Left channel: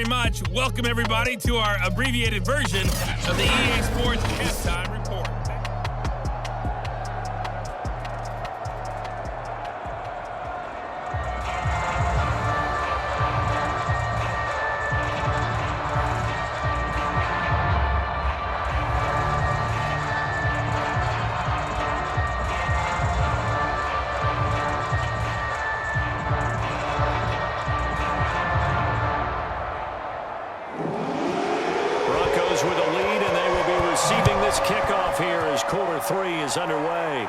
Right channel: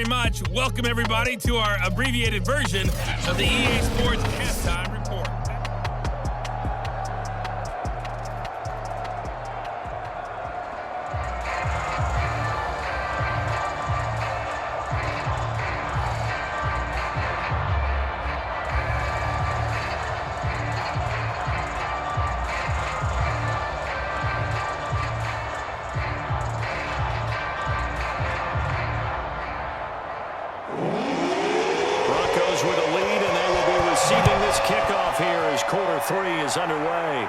very much. Welcome, everybody, to our abbreviated version of the EA Sports Halftime Report. Broncos with a lead, and they will be receiving this kickoff here as quarter 3 is underway.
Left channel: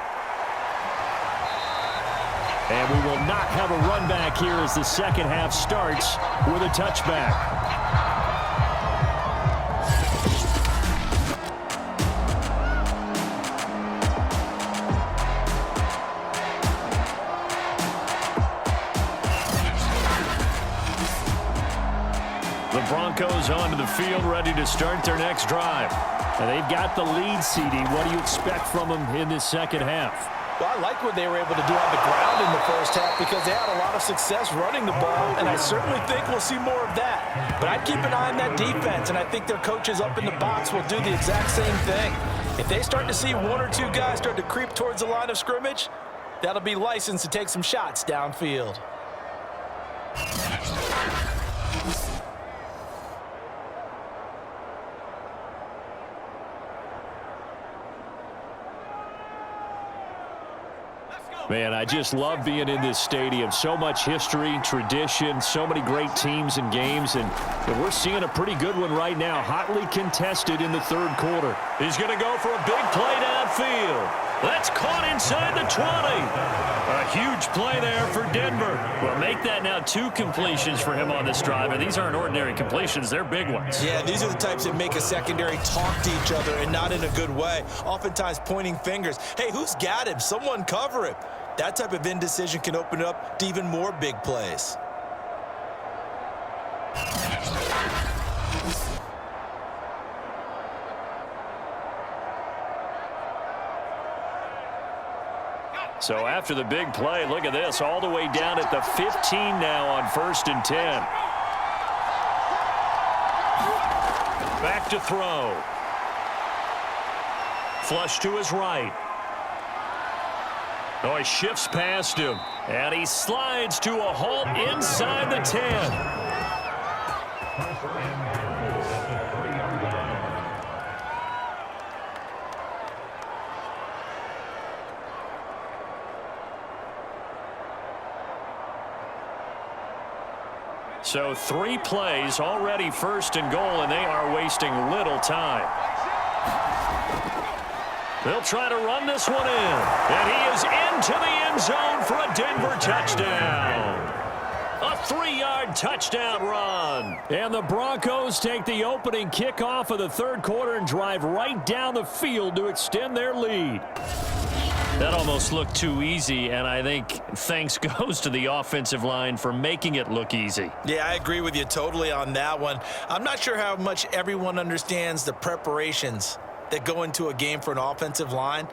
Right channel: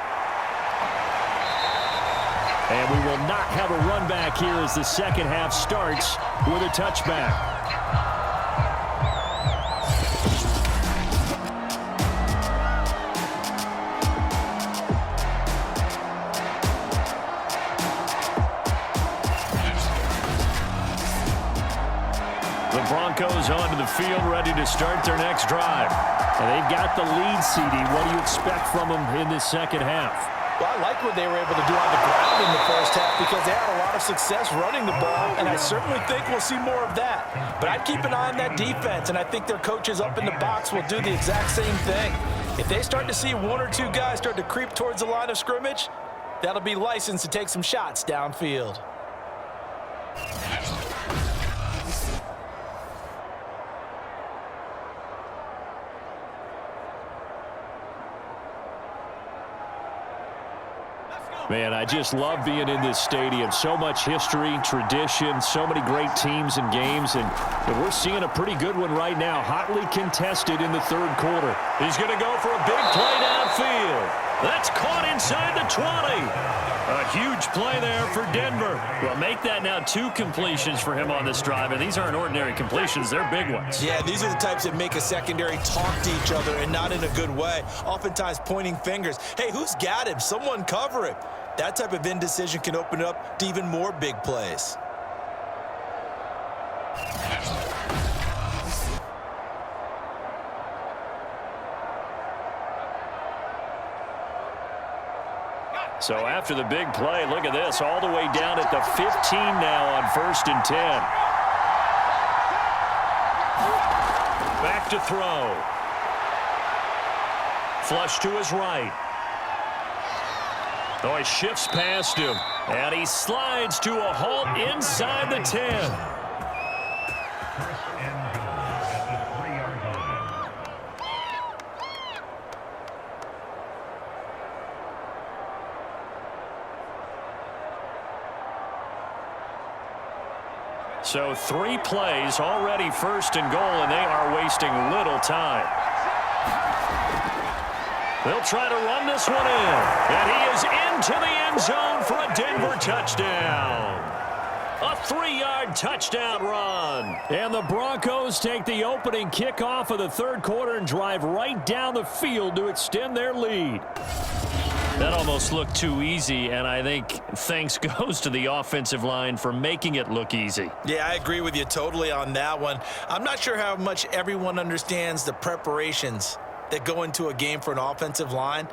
And we will not have a run back here as the second half starts with a touchback. The Broncos onto the field, ready to start their next drive. And they've got the lead, CD. What do you expect from them in this second half? Well, I like what they were able to do on the ground in the first half because they had a lot of success running the ball, and I certainly think we'll see more of that. But I'd keep an eye on that defense, and I think their coaches up in the box will do the exact same thing. If they start to see one or two guys start to creep towards the line of scrimmage, that'll be licensed to take some shots downfield. Man, I just love being in this stadium. So much history, tradition, so many great teams and games, and we're seeing a pretty good one right now, hotly contested in the third quarter. He's going to go for a big play downfield. That's caught inside the 20. A huge play there for Denver. Well, make that now 2 completions for him on this drive, and these aren't ordinary completions. They're big ones. Yeah, these are the types that make a secondary talk to each other and not in a good way, oftentimes pointing fingers. Hey, who's got him? Someone cover him. That type of indecision can open up to even more big plays. So after the big play, look at this, all the way down at the 15 now on 1st and 10. Back to throw. Flush to his right. Oh, he shifts past him, and he slides to a halt inside the 10. So 3 plays, already 1st and goal, and they are wasting little time. They'll try to run this one in, and he is into the end zone for a Denver touchdown. A 3-yard touchdown run. And the Broncos take the opening kickoff of the third quarter and drive right down the field to extend their lead. That almost looked too easy, and I think thanks goes to the offensive line for making it look easy. Yeah, I agree with you totally on that one. I'm not sure how much everyone understands the preparations that go into a game for an offensive line,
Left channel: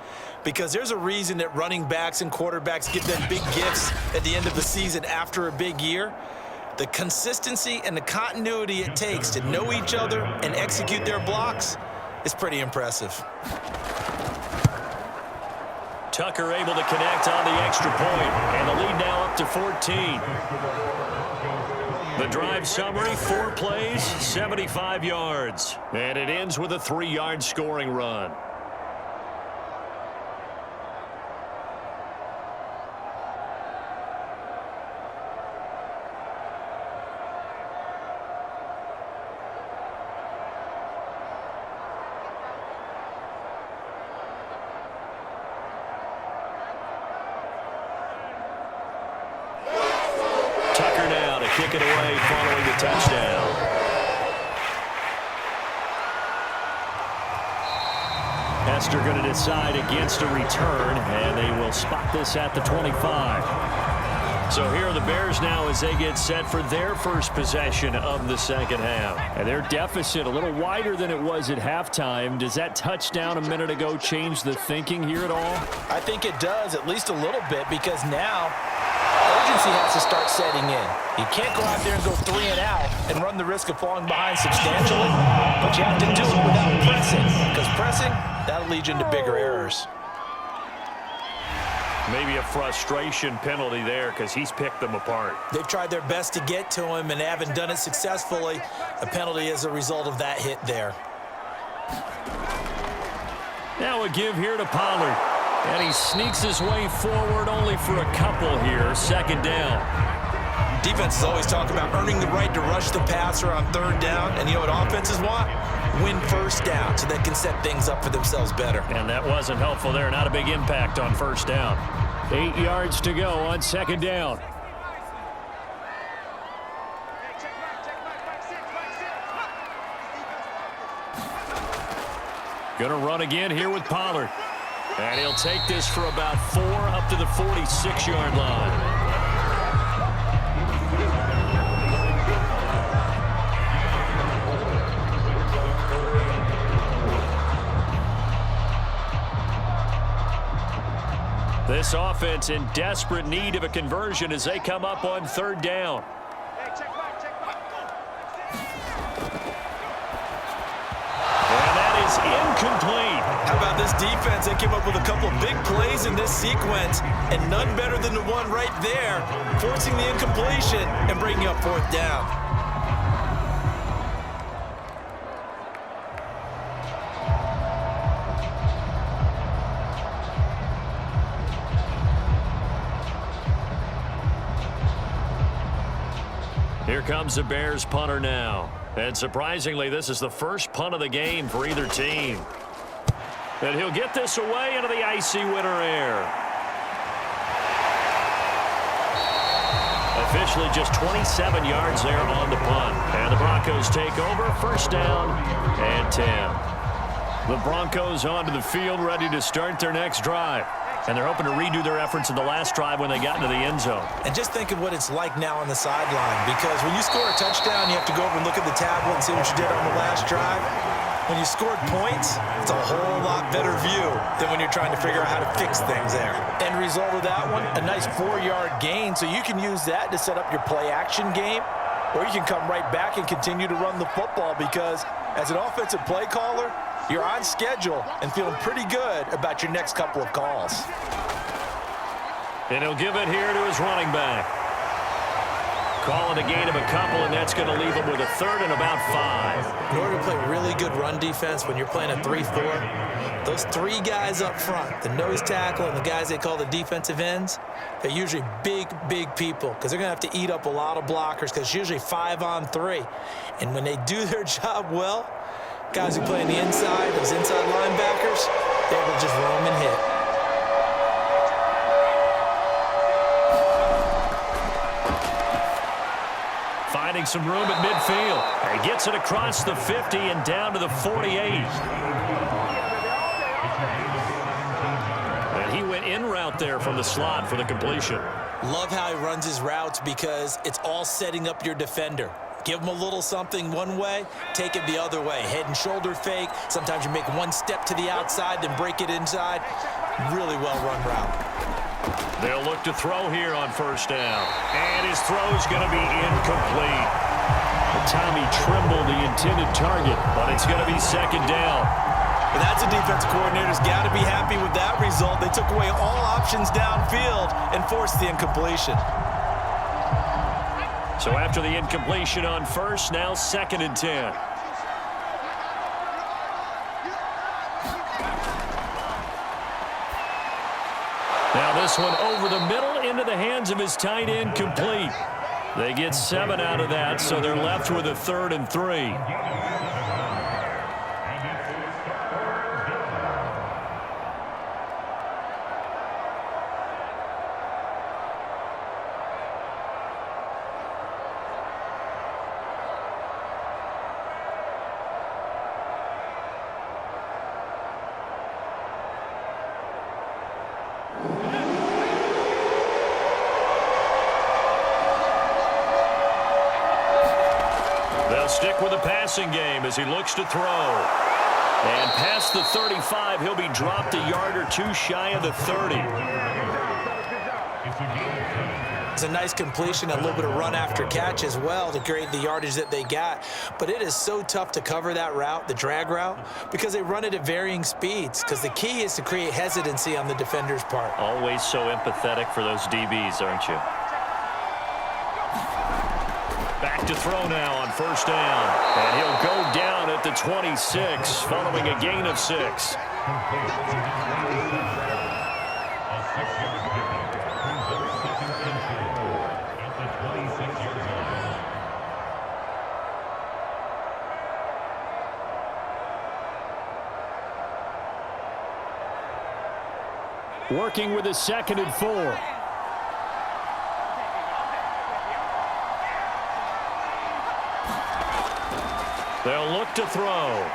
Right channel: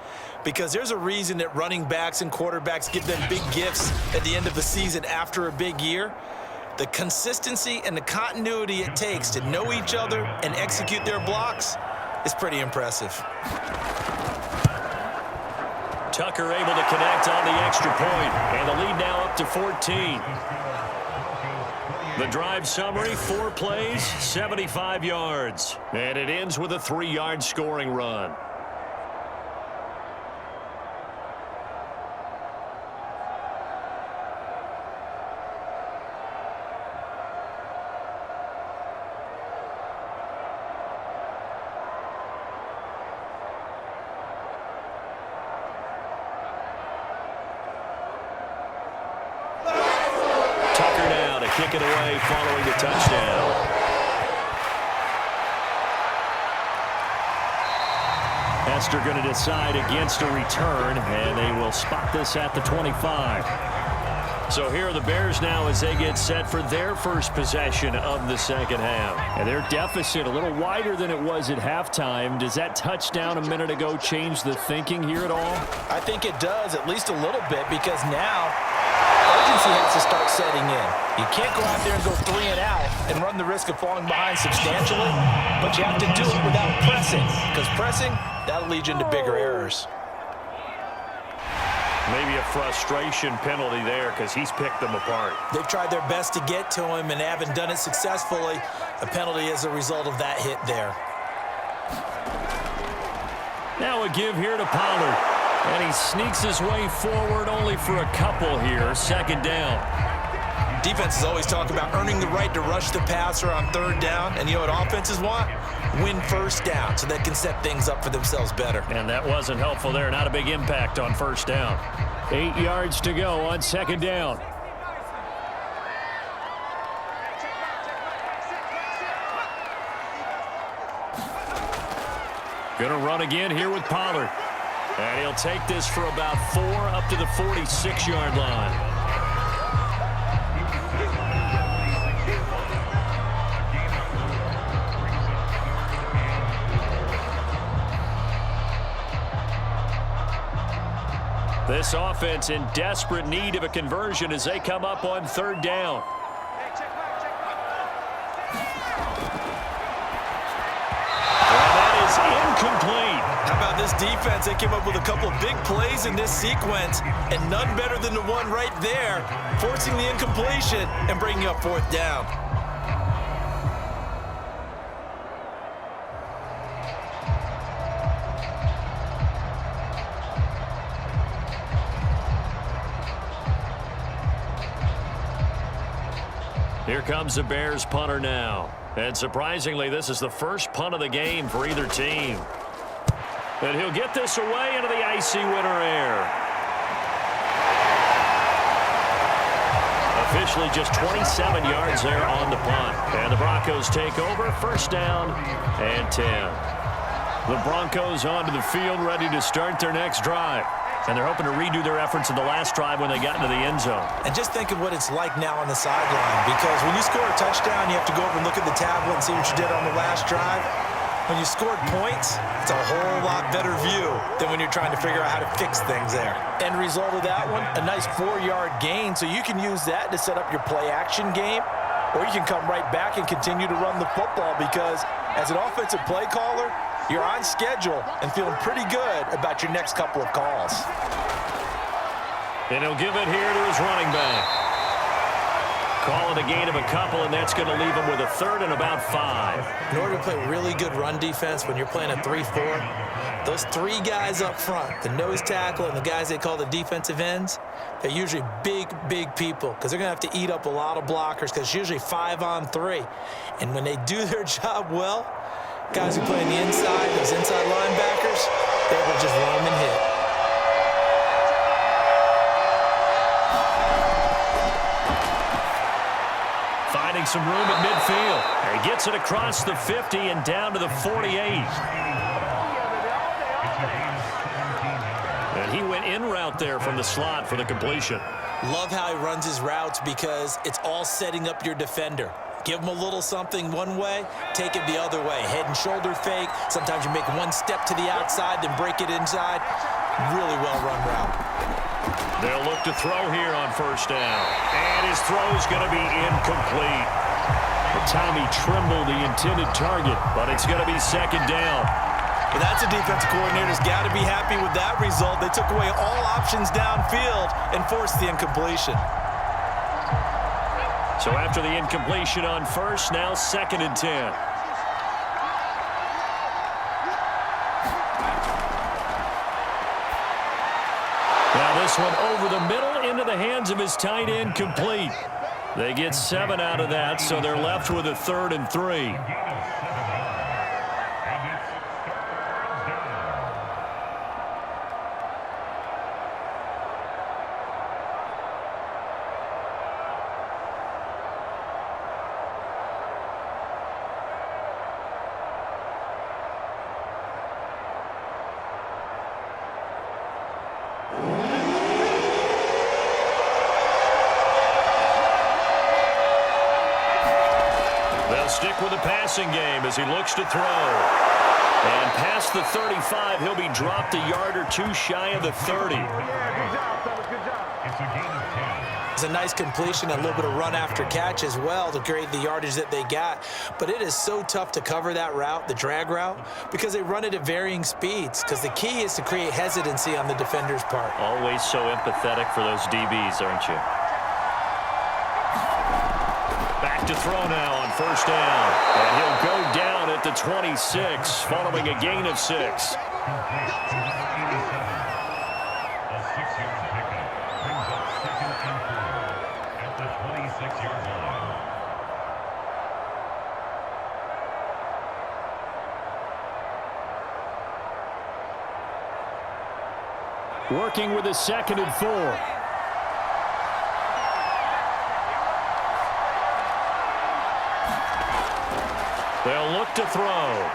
because there's a reason that running backs and quarterbacks give them big gifts at the end of the season after a big year. The consistency and the continuity it takes to know each other and execute their blocks is pretty impressive. Tucker able to connect on the extra point, and the lead now up to 14. The drive summary, 4 plays, 75 yards. And it ends with a 3-yard scoring run. Tucker now to kick it away following the touchdown. Hester going to decide against a return, and they will spot this at the 25. So here are the Bears now as they get set for their first possession of the second half. And their deficit a little wider than it was at halftime. Does that touchdown a minute ago change the thinking here at all? I think it does, at least a little bit, because now urgency has to start setting in. You can't go out there and go 3 and out and run the risk of falling behind substantially, but you have to do it without pressing, because pressing, that'll lead you into bigger errors. Maybe a frustration penalty there because he's picked them apart. They've tried their best to get to him and haven't done it successfully. A penalty as a result of that hit there. Now a give here to Pollard. And he sneaks his way forward only for a couple here. Second down. Defenses always talk about earning the right to rush the passer on third down. And you know what offenses want? Win first down so they can set things up for themselves better. And that wasn't helpful there. Not a big impact on first down. 8 yards to go on second down. Going to run again here with Pollard. And he'll take this for about 4 up to the 46-yard line. This offense in desperate need of a conversion as they come up on third down. And that is incomplete. How about this defense? They came up with a couple big plays in this sequence, and none better than the one right there, forcing the incompletion and bringing up fourth down. Here comes the Bears punter now. And surprisingly, this is the first punt of the game for either team. And he'll get this away into the icy winter air. Officially just 27 yards there on the punt. And the Broncos take over, first down and 10. The Broncos onto the field ready to start their next drive. And they're hoping to redo their efforts in the last drive when they got into the end zone. And just think of what it's like now on the sideline, because when you score a touchdown, you have to go over and look at the tablet and see what you did on the last drive. When you scored points, it's a whole lot better view than when you're trying to figure out how to fix things there. End result of that one, a nice 4-yard gain, so you can use that to set up your play-action game, or you can come right back and continue to run the football, because as an offensive play caller, you're on schedule and feeling pretty good about your next couple of calls. And he'll give it here to his running back. Call it a gain of a couple, and that's going to leave him with a third and about 5. In order to play really good run defense when you're playing a 3-4, those 3 guys up front, the nose tackle and the guys they call the defensive ends, they're usually big, big people because they're going to have to eat up a lot of blockers because it's usually 5-on-3. And when they do their job well, guys who play on the inside, those inside linebackers, they will just roam and hit. Finding some room at midfield. And he gets it across the 50 and down to the 48. And he went in route there from the slot for the completion. Love how he runs his routes because it's all setting up your defender. Give him a little something one way, take it the other way. Head and shoulder fake. Sometimes you make one step to the outside, then break it inside. Really well-run route. They'll look to throw here on first down. And his throw's going to be incomplete. Tommy Trimble, the intended target, but it's going to be second down. But that's a defensive coordinator's got to be happy with that result. They took away all options downfield and forced the incompletion. So after the incompletion on first, now second and 10. Now this one over the middle into the hands of his tight end, complete. They get 7 out of that, so they're left with a 3rd and 3. They'll stick with the passing game as he looks to throw. And past the 35, he'll be dropped a yard or 2 shy of the 30. It's a nice completion, a little bit of run after catch as well to create the yardage that they got. But it is so tough to cover that route, the drag route, because they run it at varying speeds, because the key is to create hesitancy on the defender's part. Always so empathetic for those DBs, aren't you? Back to throw now on first down. And he'll go down at the 26 following a gain of 6. Working with a 2nd and 4. They'll look to throw.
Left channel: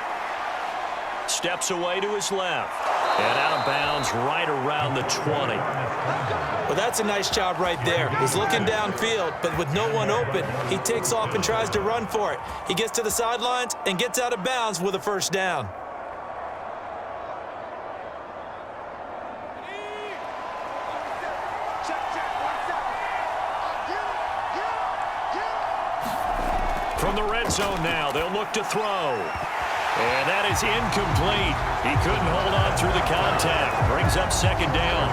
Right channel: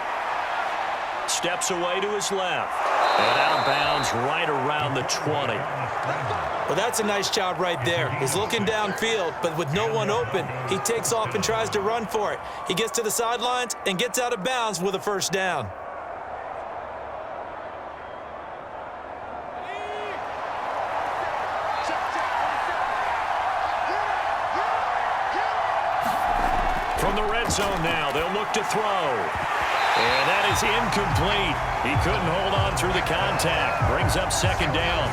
Steps away to his left. And out of bounds right around the 20. Well, that's a nice job right there. He's looking downfield, but with no one open, he takes off and tries to run for it. He gets to the sidelines and gets out of bounds with a first down. From the red zone now, they'll look to throw. And that is incomplete. He couldn't hold on through the contact. Brings up 2nd down.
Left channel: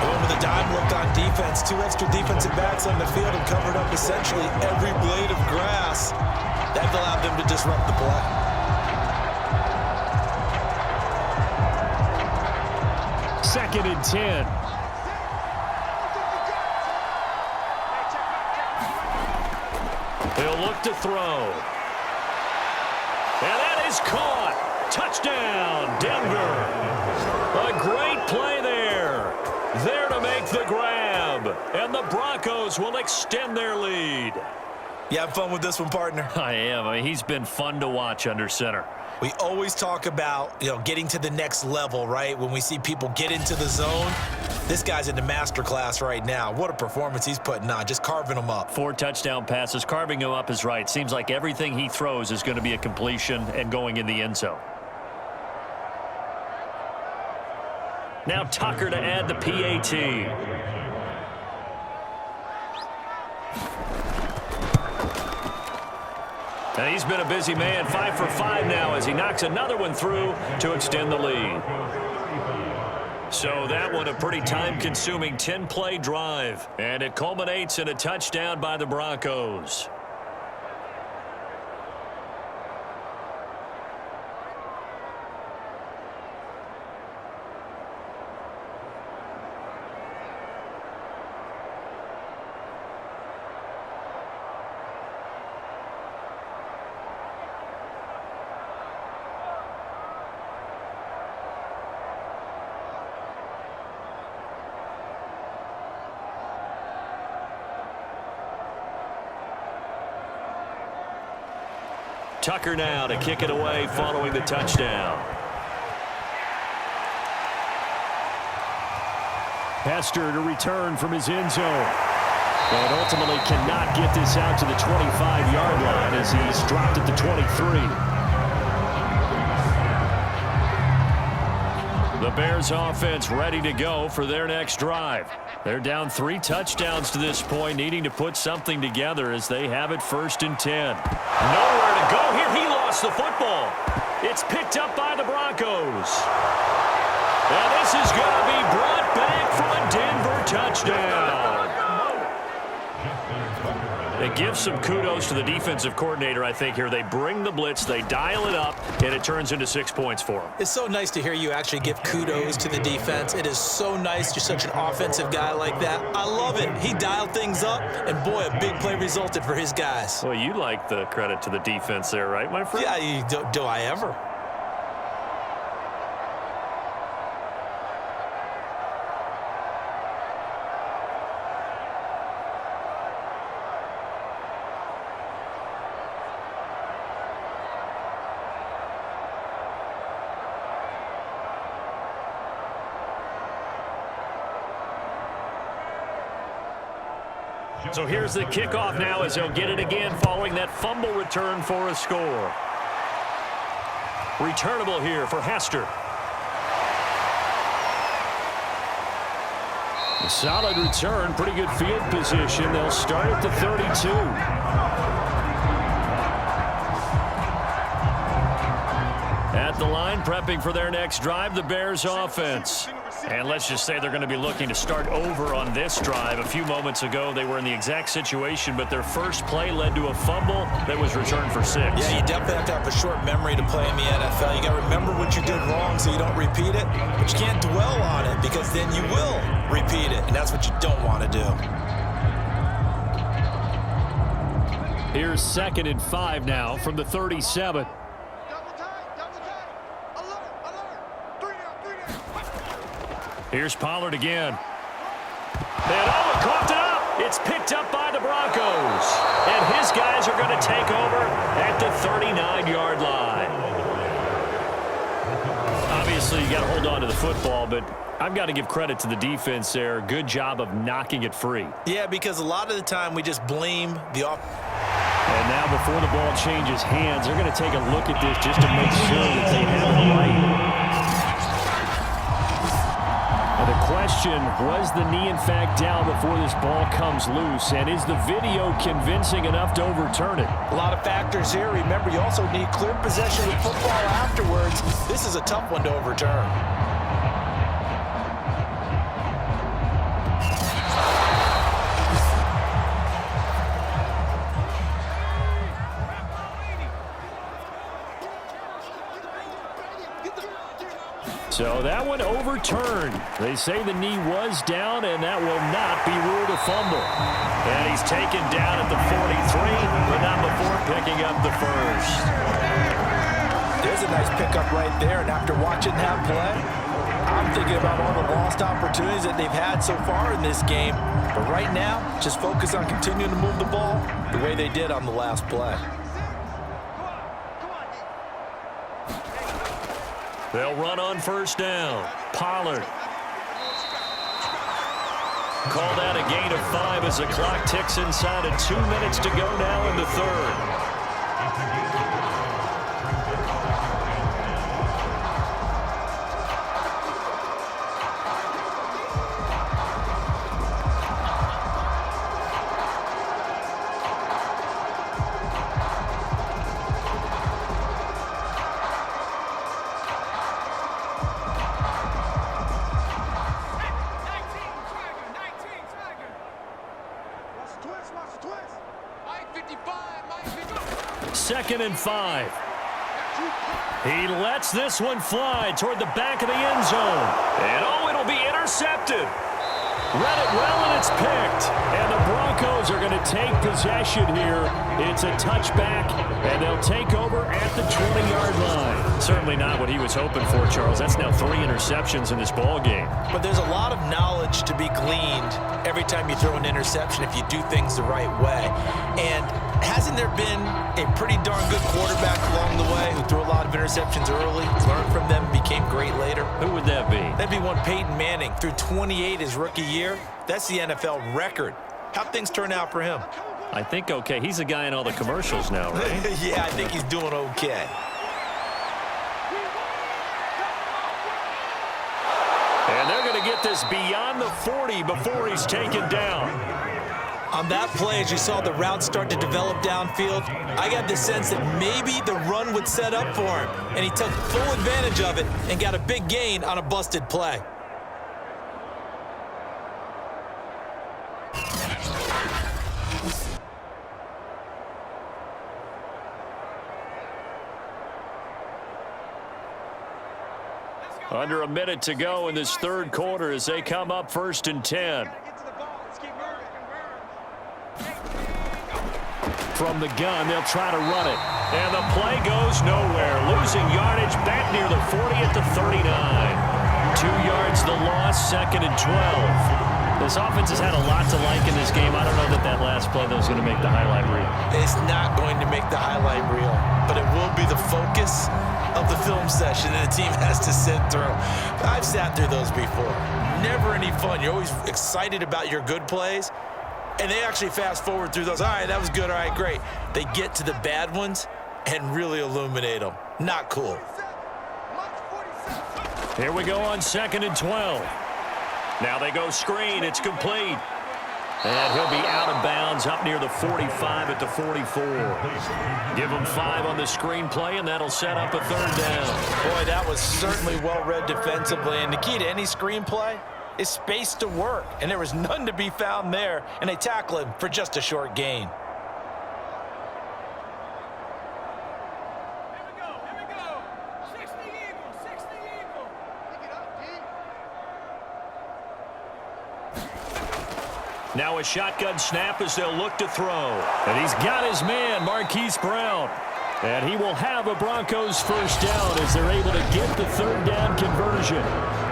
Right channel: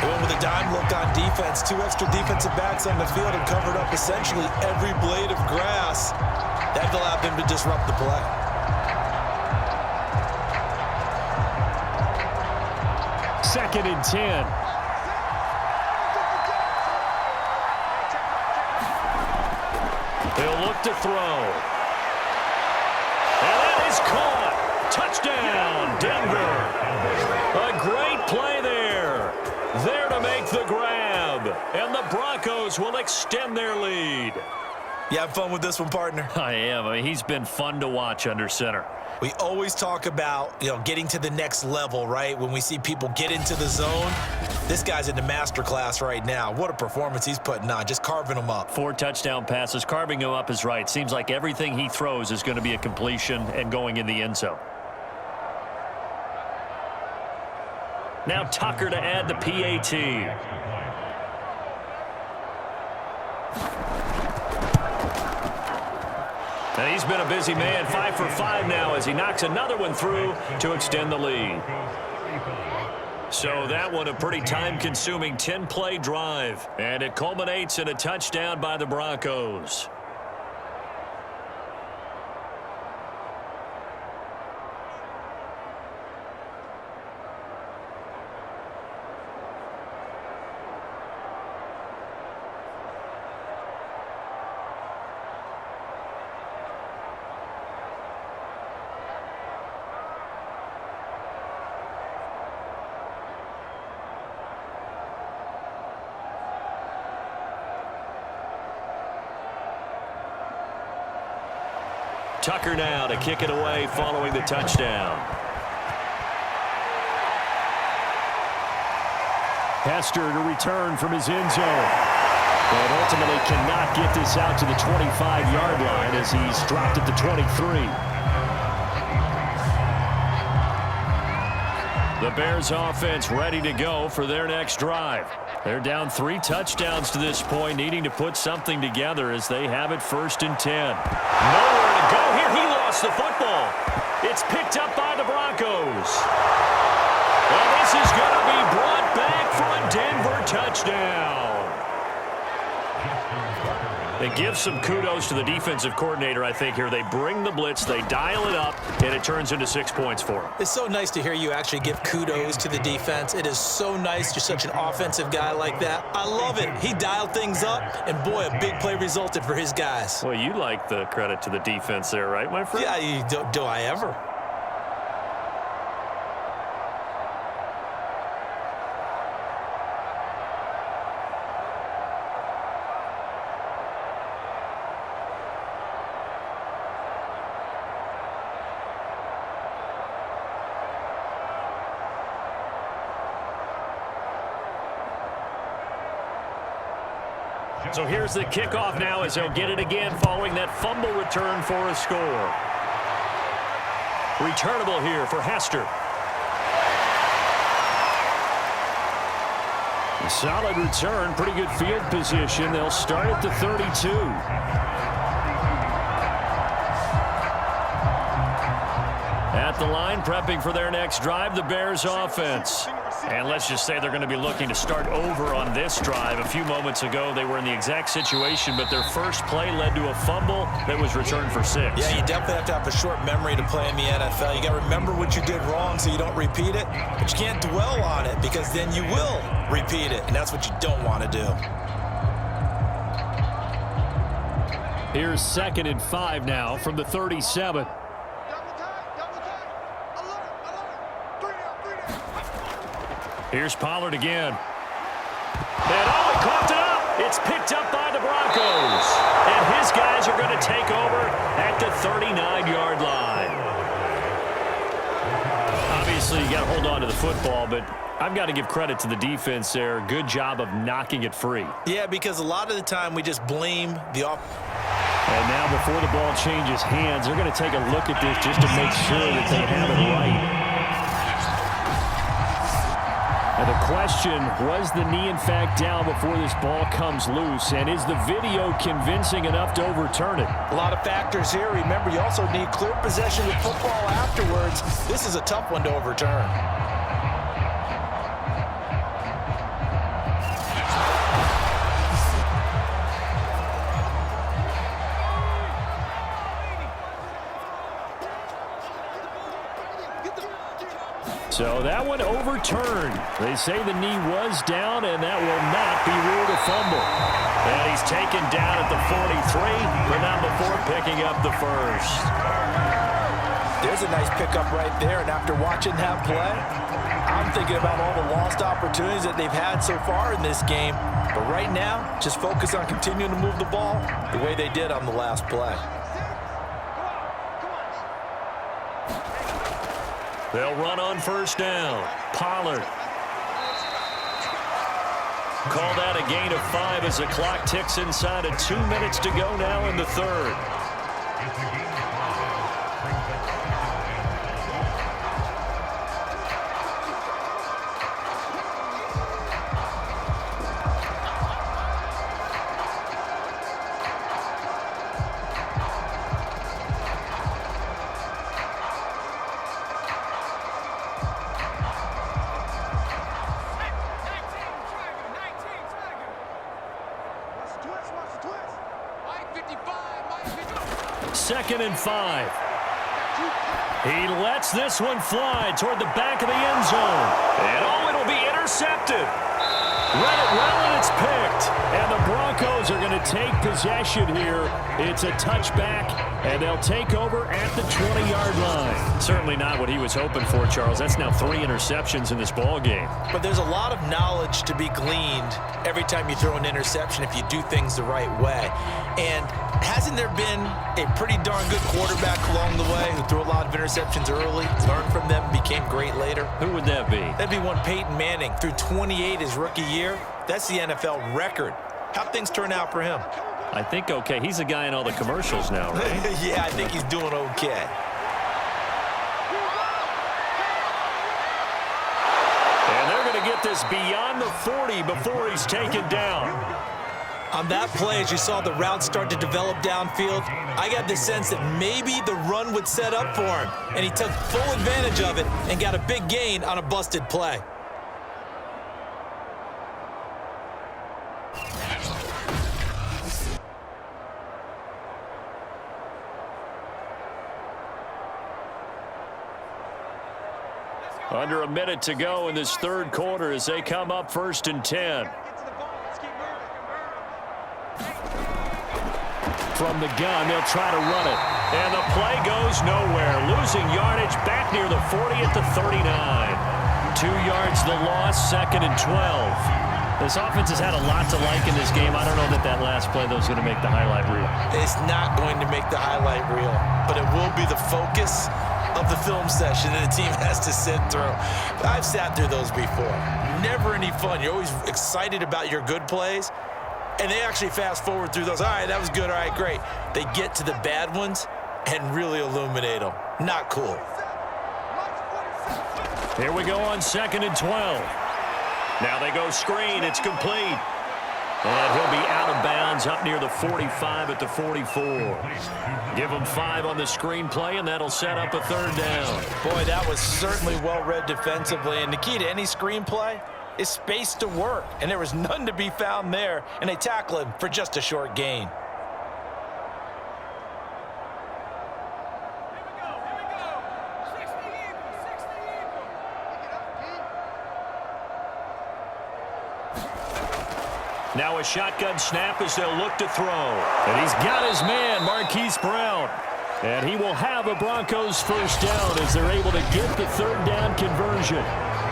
They went with a dime look on defense. 2 extra defensive backs on the field and covered up essentially every blade of grass. That allowed them to disrupt the play. Second and 10. They'll look to throw. And that is caught. Touchdown, Denver. A great play there. There to make the grab. And the Broncos will extend their lead. You have fun with this one, partner? I am. I mean, he's been fun to watch under center. We always talk about, getting to the next level, right? When we see people get into the zone, this guy's in the master class right now. What a performance he's putting on, just carving them up. 4 touchdown passes. Carving him up is right. Seems like everything he throws is going to be a completion and going in the end zone. Now Tucker to add the PAT. And he's been a busy man, 5 for 5 now as he knocks another one through to extend the lead. So that one a pretty time-consuming 10-play drive. And it culminates in a touchdown by the Broncos. Tucker now to kick it away following the touchdown. Hester to return from his end zone. And ultimately cannot get this out to the 25-yard line as he's dropped at the 23. The Bears offense ready to go for their next drive. They're down 3 touchdowns to this point, needing to put something together as they have it 1st and 10. Nowhere to go here. He lost the football. It's picked up by the Broncos. And this is going to be brought back for a Denver touchdown. It gives some kudos to the defensive coordinator, I think, here. They bring the blitz, they dial it up, and it turns into 6 points for them. It's so nice to hear you actually give kudos to the defense. It is so nice. You're such an offensive guy like that. I love it. He dialed things up, and boy, a big play resulted for his guys. Well, you like the credit to the defense there, right, my friend? Yeah, do I ever? So here's the kickoff now as he'll get it again following that fumble return for a score. Returnable here for Hester. A solid return, pretty good field position. They'll start at the 32. At the line, prepping for their next drive, the Bears offense. And let's just say they're going to be looking to start over on this drive. A few moments ago, they were in the exact situation, but their first play led to a fumble that was returned for 6. Yeah, you definitely have to have a short memory to play in the NFL. You got to remember what you did wrong so you don't repeat it, but you can't dwell on it because then you will repeat it, and that's what you don't want to do. Here's 2nd and 5 now from the 37. Here's Pollard again. And oh, he coughed it up. It's picked up by the Broncos. And his guys are going to take over at the 39-yard line. Obviously, you got to hold on to the football, but I've got to give credit to the defense there. Good job of knocking it free. Yeah, because a lot of the time we just blame the And now before the ball changes hands, they're going to take a look at this just to make sure that they have it right. And the question, was the knee in fact down before this ball comes loose? And is the video convincing enough to overturn it? A lot of factors here. Remember, you also need clear possession with football afterwards. This is a tough one to overturn. So that one overturned. They say the knee was down, and that will not be ruled a fumble. And he's taken down at the 43, but not before picking up the first. There's a nice pickup right there, and after watching that play, I'm thinking about all the lost opportunities that they've had so far in this game. But right now, just focus on continuing to move the ball the way they did on the last play. They'll run on first down. Pollard. Call that a gain of 5 as the clock ticks inside of 2 minutes to go now in the third. Second and 5. He lets this one fly toward the back of the end zone. And oh, it'll be intercepted. Read it well, and it's picked. And the Broncos are going to take possession here. It's a touchback, and they'll take over at the 20-yard line. Certainly not what he was hoping for, Charles. That's now 3 interceptions in this ball game. But there's a lot of knowledge to be gleaned every time you throw an interception if you do things the right way. And hasn't there been a pretty darn good quarterback along the way who threw a lot of interceptions early, learned from them, became great later? Who would that be? That'd be one Peyton Manning. Threw 28 his rookie year. That's the NFL record. How'd things turn out for him? I think okay. He's a guy in all the commercials now, right? Yeah, I think he's doing okay. And they're going to get this beyond the 40 before he's taken down. On that play, as you saw the route start to develop downfield, I got the sense that maybe the run would set up for him, and he took full advantage of it and got a big gain on a busted play. Under a minute to go in this third quarter as they come up 1st and 10. From the gun, they'll try to run it. And the play goes nowhere. Losing yardage back near the 40 at the 39. 2 yards the loss, 2nd and 12. This offense has had a lot to like in this game. I don't know that that last play, though, is going to make the highlight reel. It's not going to make the highlight reel, but it will be the focus of the film session that the team has to sit through. I've sat through those before. Never any fun. You're always excited about your good plays, and they actually fast forward through those. All right, that was good. All right, great. They get to the bad ones and really illuminate them. Not cool. Here we go on 2nd and 12. Now they go screen. It's complete. And he'll be out of bounds up near the 45 at the 44. Give him 5 on the screenplay, and that'll set up a third down. Boy, that was certainly well-read defensively. And the key to any screenplay is space to work. And there was none to be found there. And they tackle him for just a short gain. Now a shotgun snap as they'll look to throw. And he's got his man, Marquise Brown. And he will have a Broncos first down as they're able to get the third down conversion.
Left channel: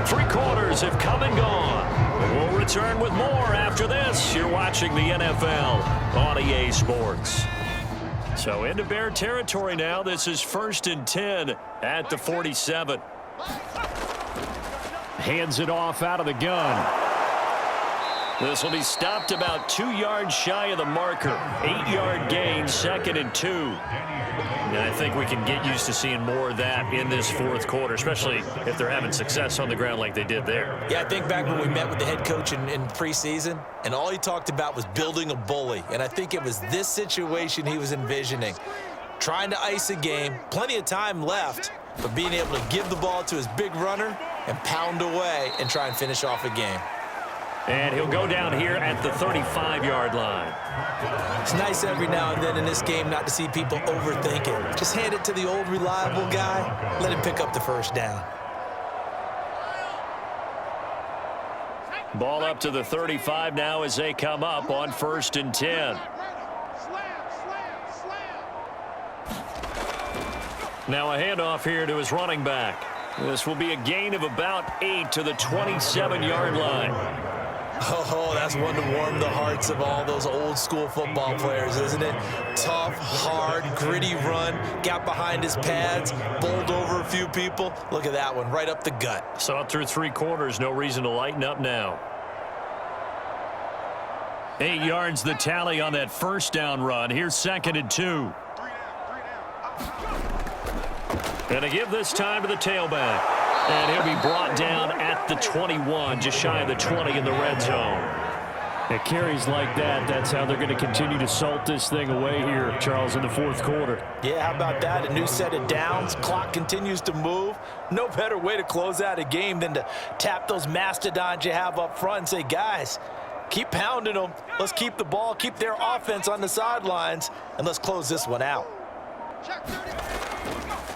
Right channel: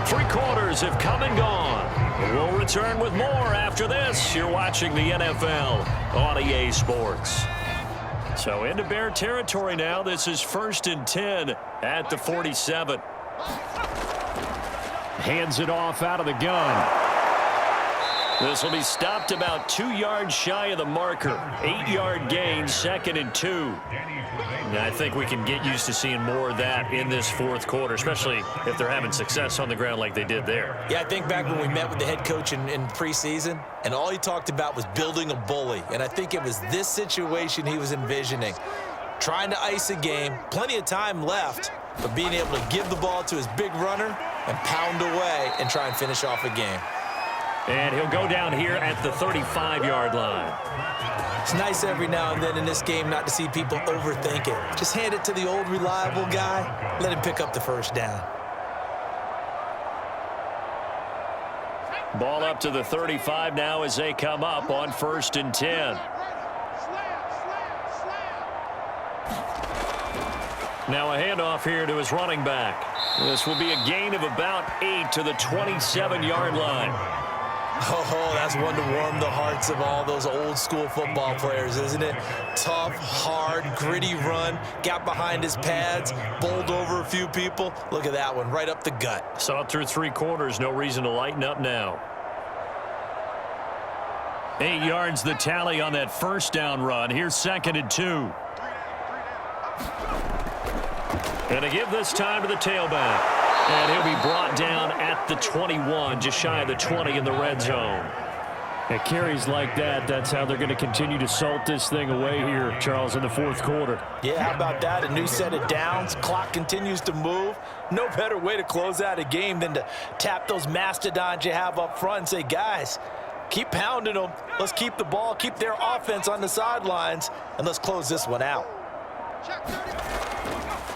3 quarters have come and gone. We'll return with more after this. You're watching the NFL on EA Sports. So into Bear territory now. This is 1st and 10 at the 47. Hands it off out of the gun. This will be stopped about 2 yards shy of the marker. 8-yard gain, 2nd and 2. And I think we can get used to seeing more of that in this 4th quarter, especially if they're having success on the ground like they did there. Yeah, I think back when we met with the head coach in preseason, and all he talked about was building a bully. And I think it was this situation he was envisioning. Trying to ice a game, plenty of time left, but being able to give the ball to his big runner and pound away and try and finish off a game. And he'll go down here at the 35-yard line. It's nice every now and then in this game not to see people overthink it. Just hand it to the old reliable guy. Let him pick up the first down. Ball up to the 35 now as they come up on 1st and 10. Now a handoff here to his running back. This will be a gain of about 8 to the 27-yard line. Oh, that's one to warm the hearts of all those old school football players, isn't it? Tough, hard, gritty run, got behind his pads, bowled over a few people. Look at that one, right up the gut. Saw it through 3 quarters, no reason to lighten up now. 8 yards the tally on that first down run. Here's 2nd and 2. And to give this time to the tailback. And he'll be brought down at the 21, just shy of the 20 in the red zone. It carries like that. That's how they're going to continue to salt this thing away here, Charles, in the 4th quarter. Yeah, how about that? A new set of downs. Clock continues to move. No better way to close out a game than to tap those mastodons you have up front and say, guys, keep pounding them. Let's keep the ball, keep their offense on the sidelines, and let's close this one out.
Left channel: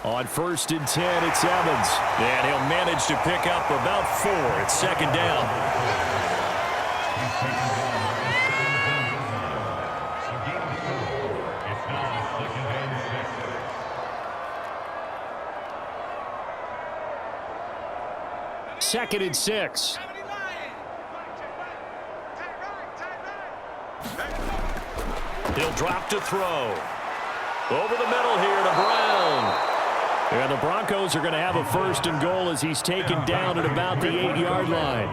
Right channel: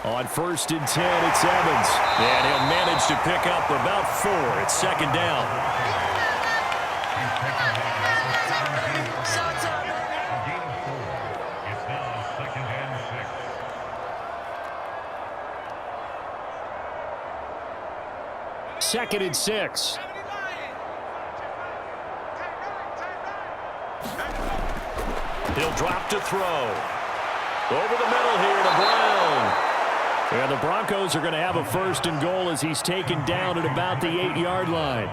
On 1st and 10, it's Evans. And he'll manage to pick up about 4. It's 2nd down. Second and 6. He'll drop to throw. Over the middle here to Brown. And the Broncos are going to have a 1st and goal as he's taken down at about the 8-yard line.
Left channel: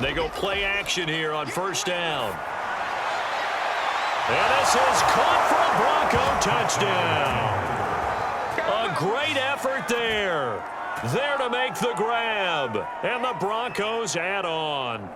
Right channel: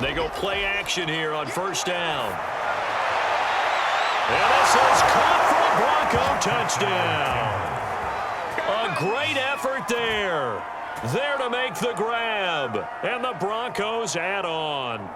They go play action here on 1st down. And this is caught for a Bronco touchdown. A great effort there. There to make the grab. And the Broncos add on.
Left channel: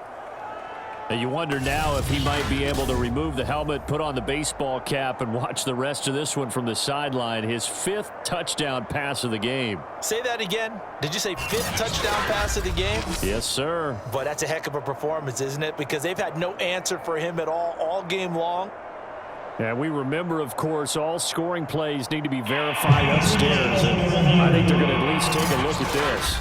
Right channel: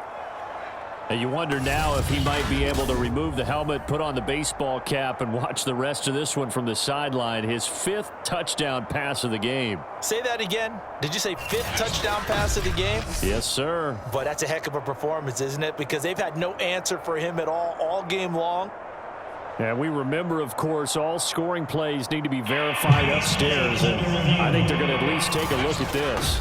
You wonder now if he might be able to remove the helmet, put on the baseball cap, and watch the rest of this one from the sideline. His 5th touchdown pass of the game. Say that again. Did you say 5th touchdown pass of the game? Yes, sir. But that's a heck of a performance, isn't it? Because they've had no answer for him at all game long. And we remember, of course, all scoring plays need to be verified upstairs. And I think they're going to at least take a look at this.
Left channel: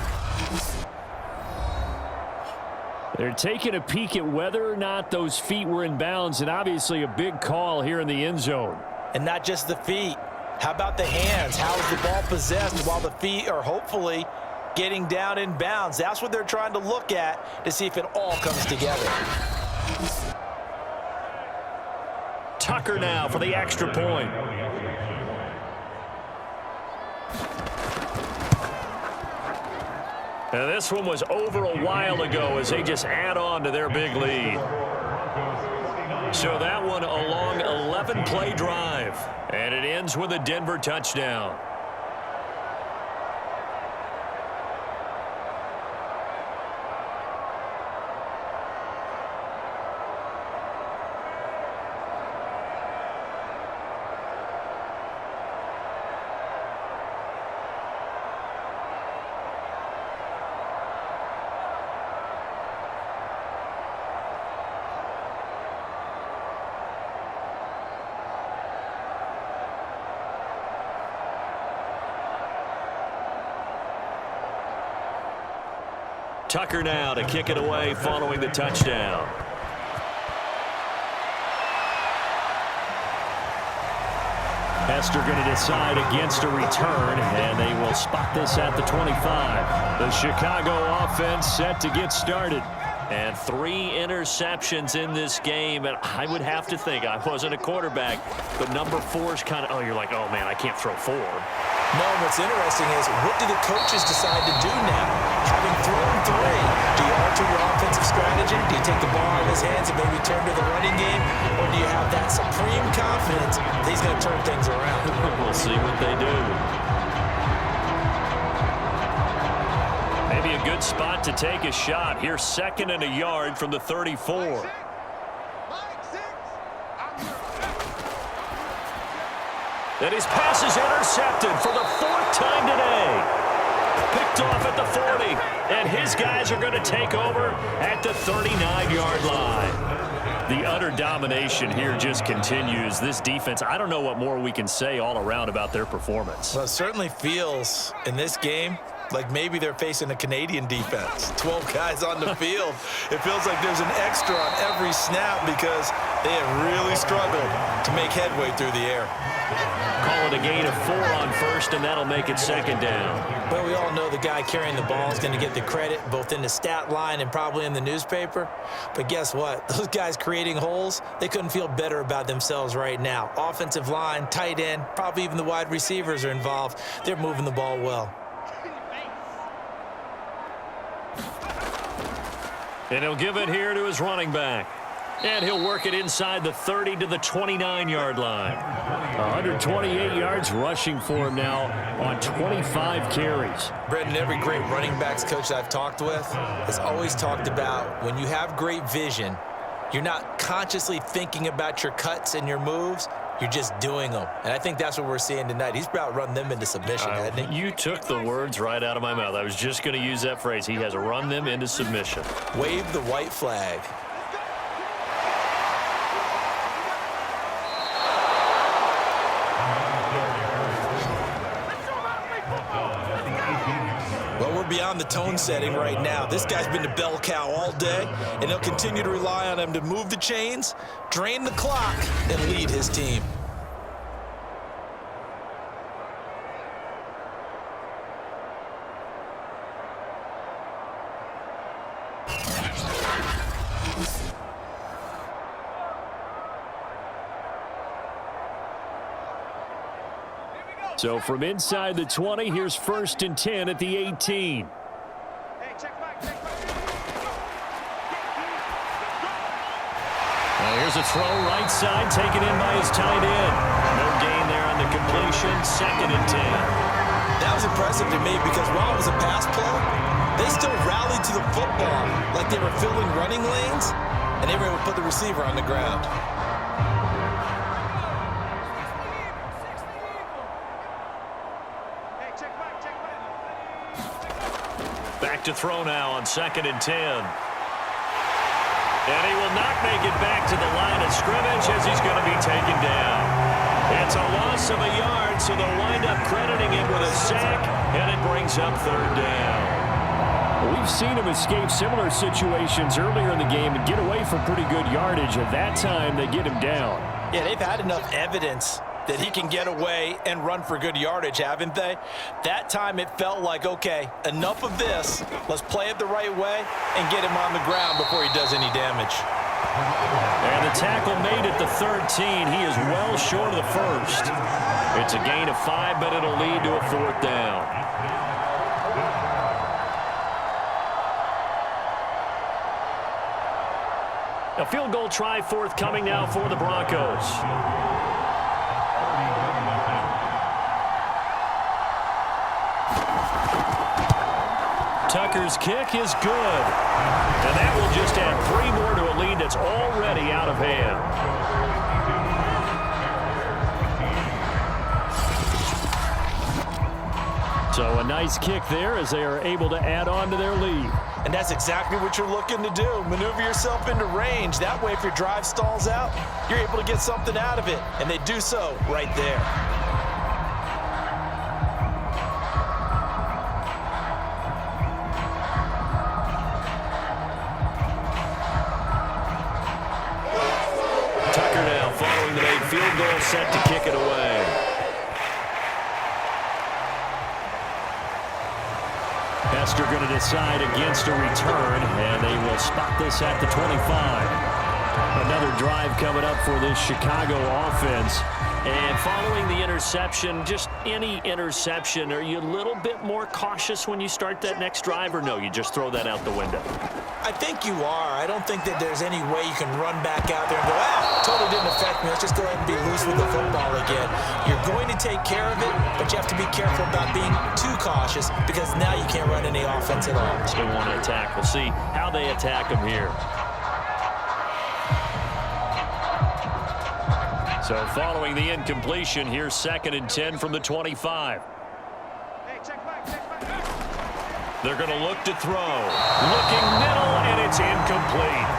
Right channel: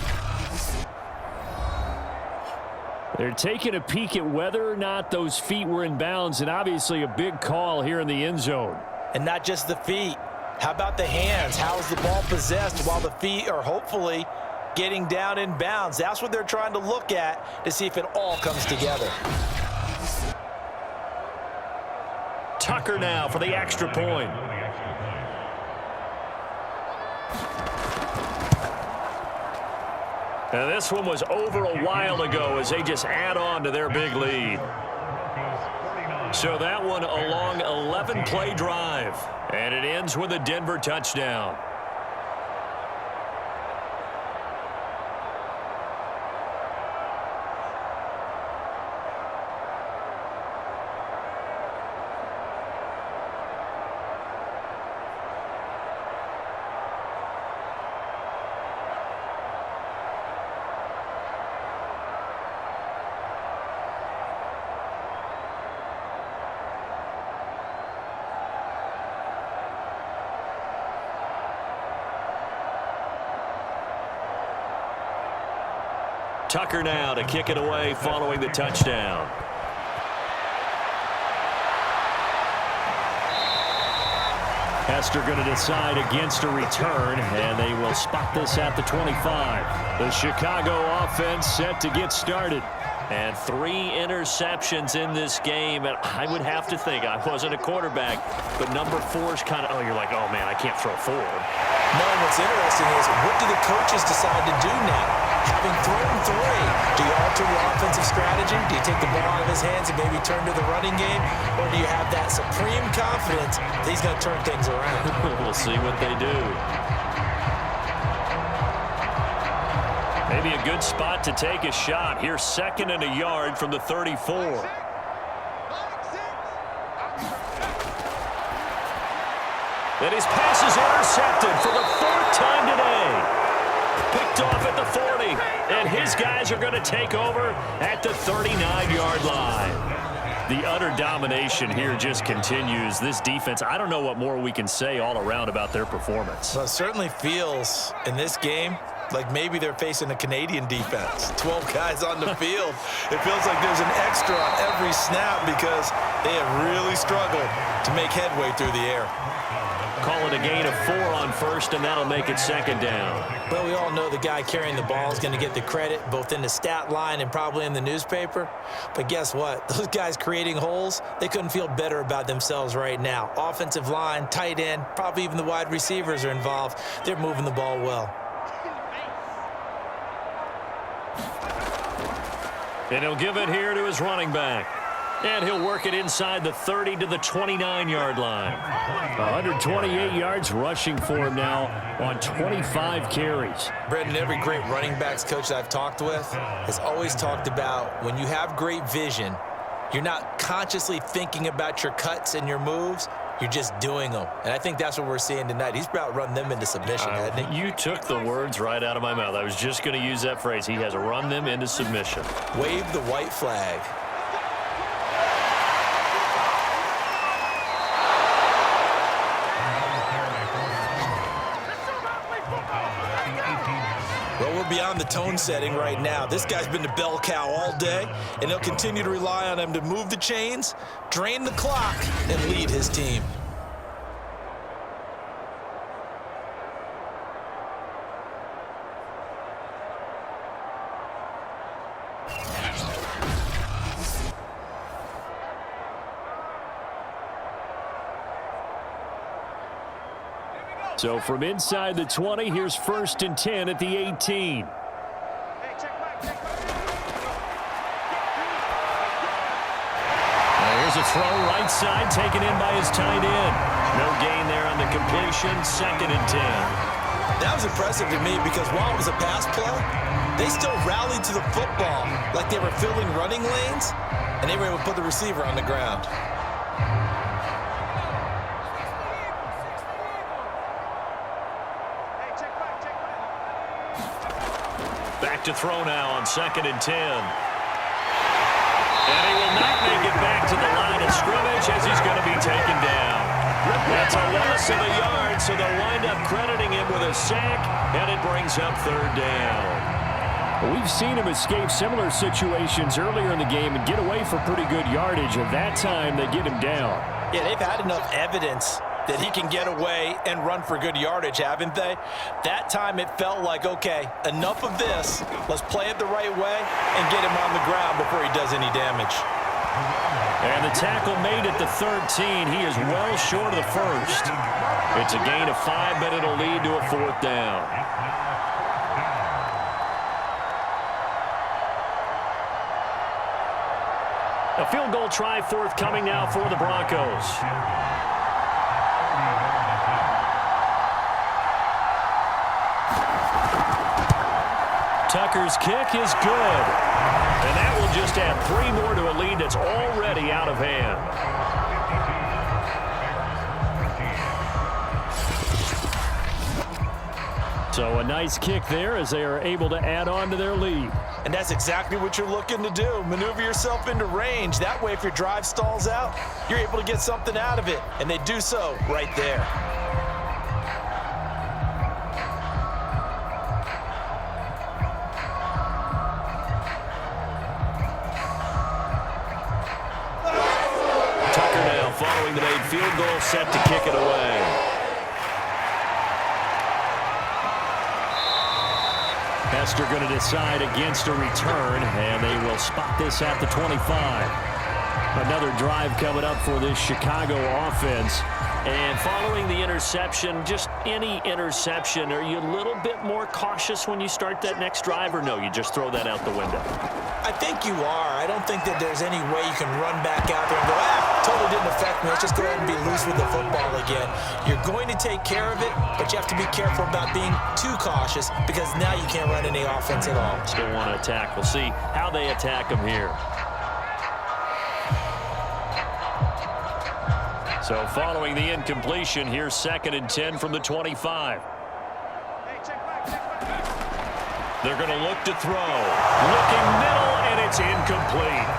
They're taking a peek at whether or not those feet were in bounds, and obviously a big call here in the end zone. And not just the feet. How about the hands? How's the ball possessed while the feet are hopefully getting down in bounds? That's what they're trying to look at to see if it all comes together. Tucker now for the extra point. And this one was over a while ago as they just add on to their big lead. So that one a long 11-play drive. And it ends with a Denver touchdown. Tucker now to kick it away following the touchdown. Hester going to decide against a return, and they will spot this at the 25. The Chicago offense set to get started. And 3 interceptions in this game, and I would have to think, I wasn't a quarterback, but number 4 is kind of, oh, you're like, oh, man, I can't throw 4. No, what's interesting is, what do the coaches decide to do now? Having thrown 3, do you alter your offensive strategy? Do you take the ball out of his hands and maybe turn to the running game? Or do you have that supreme confidence that he's going to turn things around? We'll see what they do. Maybe a good spot to take a shot. Here's 2nd and a yard from the 34. And his pass is intercepted for the 4th time today. Picked off at the 40. And his guys are going to take over at the 39-yard line. The utter domination here just continues. This defense, I don't know what more we can say all around about their performance. Well, it certainly feels in this game like maybe they're facing a Canadian defense. 12 guys on the field. It feels like there's an extra on every snap because they have really struggled to make headway through the air. Call it a gain of 4 on first, and that'll make it 2nd down. Well, we all know the guy carrying the ball is going to get the credit, both in the stat line and probably in the newspaper. But guess what? Those guys creating holes, they couldn't feel better about themselves right now. Offensive line, tight end, probably even the wide receivers are involved. They're moving the ball well. And he'll give it here to his running back. And he'll work it inside the 30 to the 29-yard line. 128 yards rushing for him now on 25 carries. Brendan, every great running backs coach I've talked with has always talked about when you have great vision, you're not consciously thinking about your cuts and your moves. You're just doing them. And I think that's what we're seeing tonight. He's about run them into submission, hasn't he? You took the words right out of my mouth. I was just going to use that phrase. He has run them into submission. Wave the white flag. Well, we're beyond the tone setting right now. This guy's been the bell cow all day, and he'll continue to rely on him to move the chains, drain the clock, and lead his team. So from inside the 20, here's 1st and 10 at the 18. Here's a throw right side taken in by his tight end. No gain there on the completion. 2nd and 10. That was impressive to me because while it was a pass play, they still rallied to the football like they were filling running lanes, and they were able to put the receiver on the ground. Back to throw now on 2nd and 10. And he will not make it back to the line of scrimmage as he's going to be taken down. That's a loss of a yard, so they'll wind up crediting him with a sack, and it brings up 3rd down. We've seen him escape similar situations earlier in the game and get away for pretty good yardage. At that time, they get him down. Yeah, they've had enough evidence that he can get away and run for good yardage, haven't they? That time it felt like, okay, enough of this. Let's play it the right way and get him on the ground before he does any damage. And the tackle made at the 13. He is well short of the 1st. It's a gain of 5, but it'll lead to a 4th down. A field goal try forthcoming now for the Broncos. Tucker's kick is good. And that will just add 3 more to a lead that's already out of hand. So a nice kick there as they are able to add on to their lead. And that's exactly what you're looking to do. Maneuver yourself into range. That way, if your drive stalls out, you're able to get something out of it. And they do so right there. Tucker now following the made field goal, set to kick it away. Hester going to decide against a return, and they will spot this at the 25. Another drive coming up for this Chicago offense. And following the interception, just any interception, are you a little bit more cautious when you start that next drive, or no, you just throw that out the window? I think you are. I don't think that there's any way you can run back out there and go, totally didn't affect me. Let's just go ahead and be loose with the football again. You're going to take care of it, but you have to be careful about being too cautious because now you can't run any offense at all. Still want to attack. We'll see how they attack them here. So following the incompletion, here's 2nd and 10 from the 25. They're going to look to throw. Looking middle, and it's incomplete.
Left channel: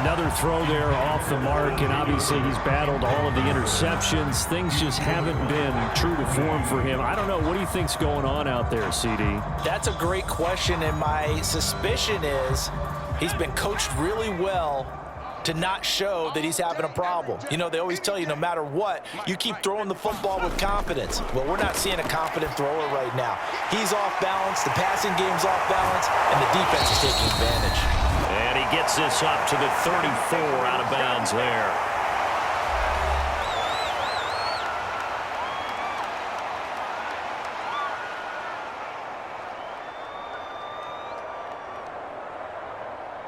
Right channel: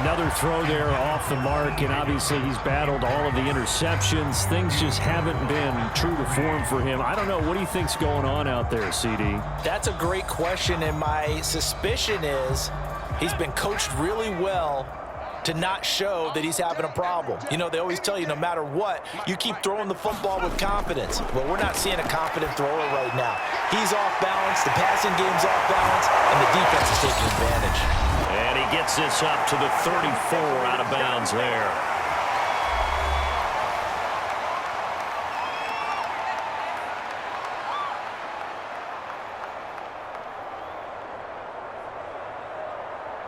Another throw there off the mark, and obviously he's battled all of the interceptions. Things just haven't been true to form for him. I don't know. What do you think's going on out there, CD? That's a great question, and my suspicion is he's been coached really well to not show that he's having a problem. You know, they always tell you no matter what, you keep throwing the football with confidence. Well, we're not seeing a confident thrower right now. He's off balance, the passing game's off balance, and the defense is taking advantage. And he gets this up to the 34 out of bounds there.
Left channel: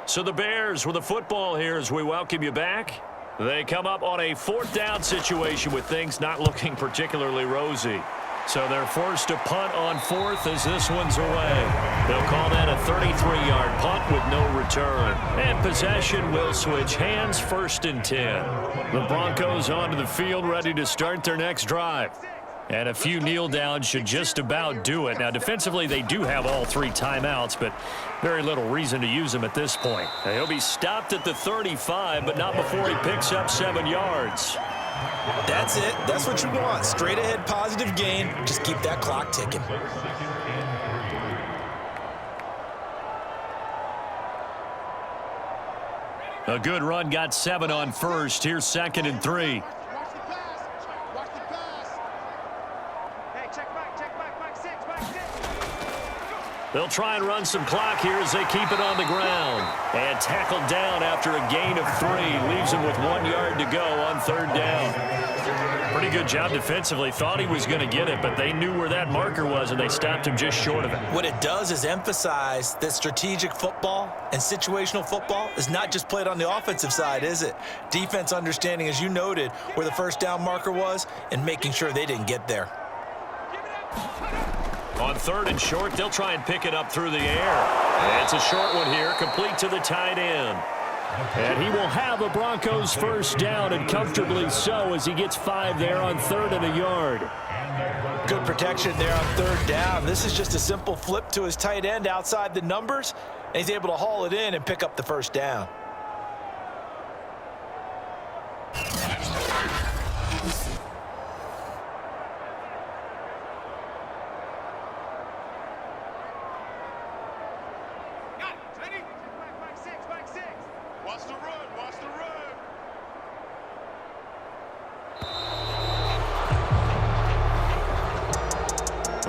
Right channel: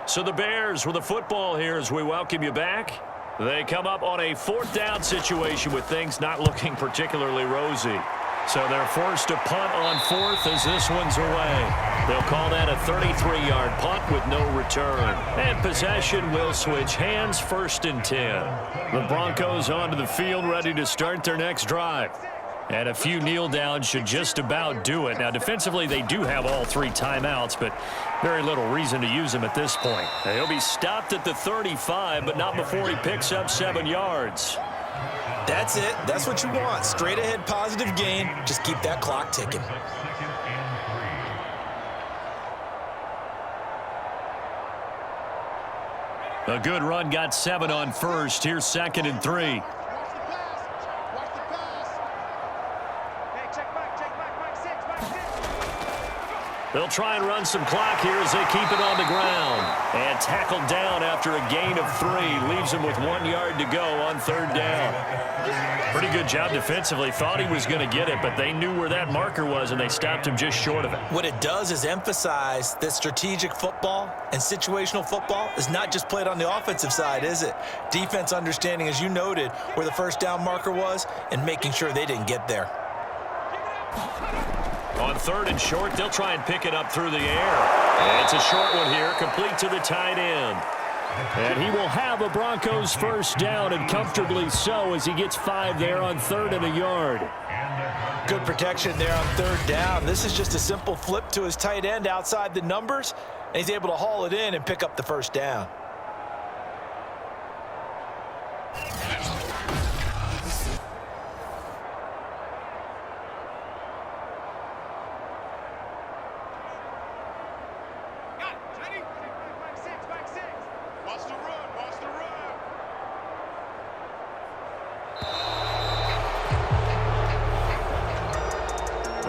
So the Bears with the football here as we welcome you back. They come up on a 4th down situation with things not looking particularly rosy. So they're forced to punt on 4th as this one's away. They'll call that a 33-yard punt with no return. And possession will switch hands, 1st and 10. The Broncos onto the field ready to start their next drive. And a few kneel downs should just about do it. Now, defensively, they do have all 3 timeouts, but very little reason to use them at this point. Now, he'll be stopped at the 35, but not before he picks up 7 yards. That's it. That's what you want. Straight ahead positive gain. Just keep that clock ticking. A good run got 7 on 1st. Here's 2nd and 3. They'll try and run some clock here as they keep it on the ground. And tackled down after a gain of 3. Leaves him with 1 yard to go on 3rd down. Pretty good job defensively. Thought he was going to get it, but they knew where that marker was, and they stopped him just short of it. What it does is emphasize that strategic football and situational football is not just played on the offensive side, is it? Defense understanding, as you noted, where the 1st down marker was and making sure they didn't get there. On 3rd and short, they'll try and pick it up through the air. And it's a short one here, complete to the tight end. And he will have a Broncos 1st down, and comfortably so, as he gets 5 there on 3rd and a yard. Good protection there on 3rd down. This is just a simple flip to his tight end outside the numbers, and he's able to haul it in and pick up the 1st down.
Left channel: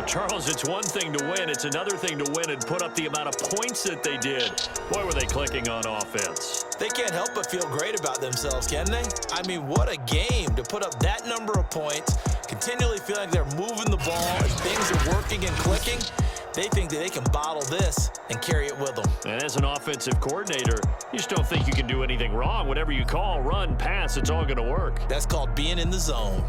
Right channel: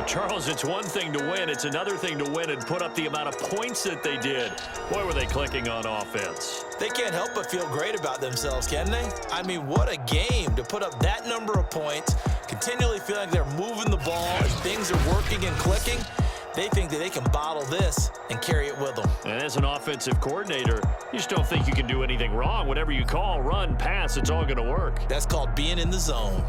Charles, it's one thing to win. It's another thing to win and put up the amount of points that they did. Boy, were they clicking on offense. They can't help but feel great about themselves, can they? I mean, what a game to put up that number of points, continually feeling like they're moving the ball and things are working and clicking. They think that they can bottle this and carry it with them. And as an offensive coordinator, you just don't think you can do anything wrong. Whatever you call, run, pass, it's all going to work. That's called being in the zone.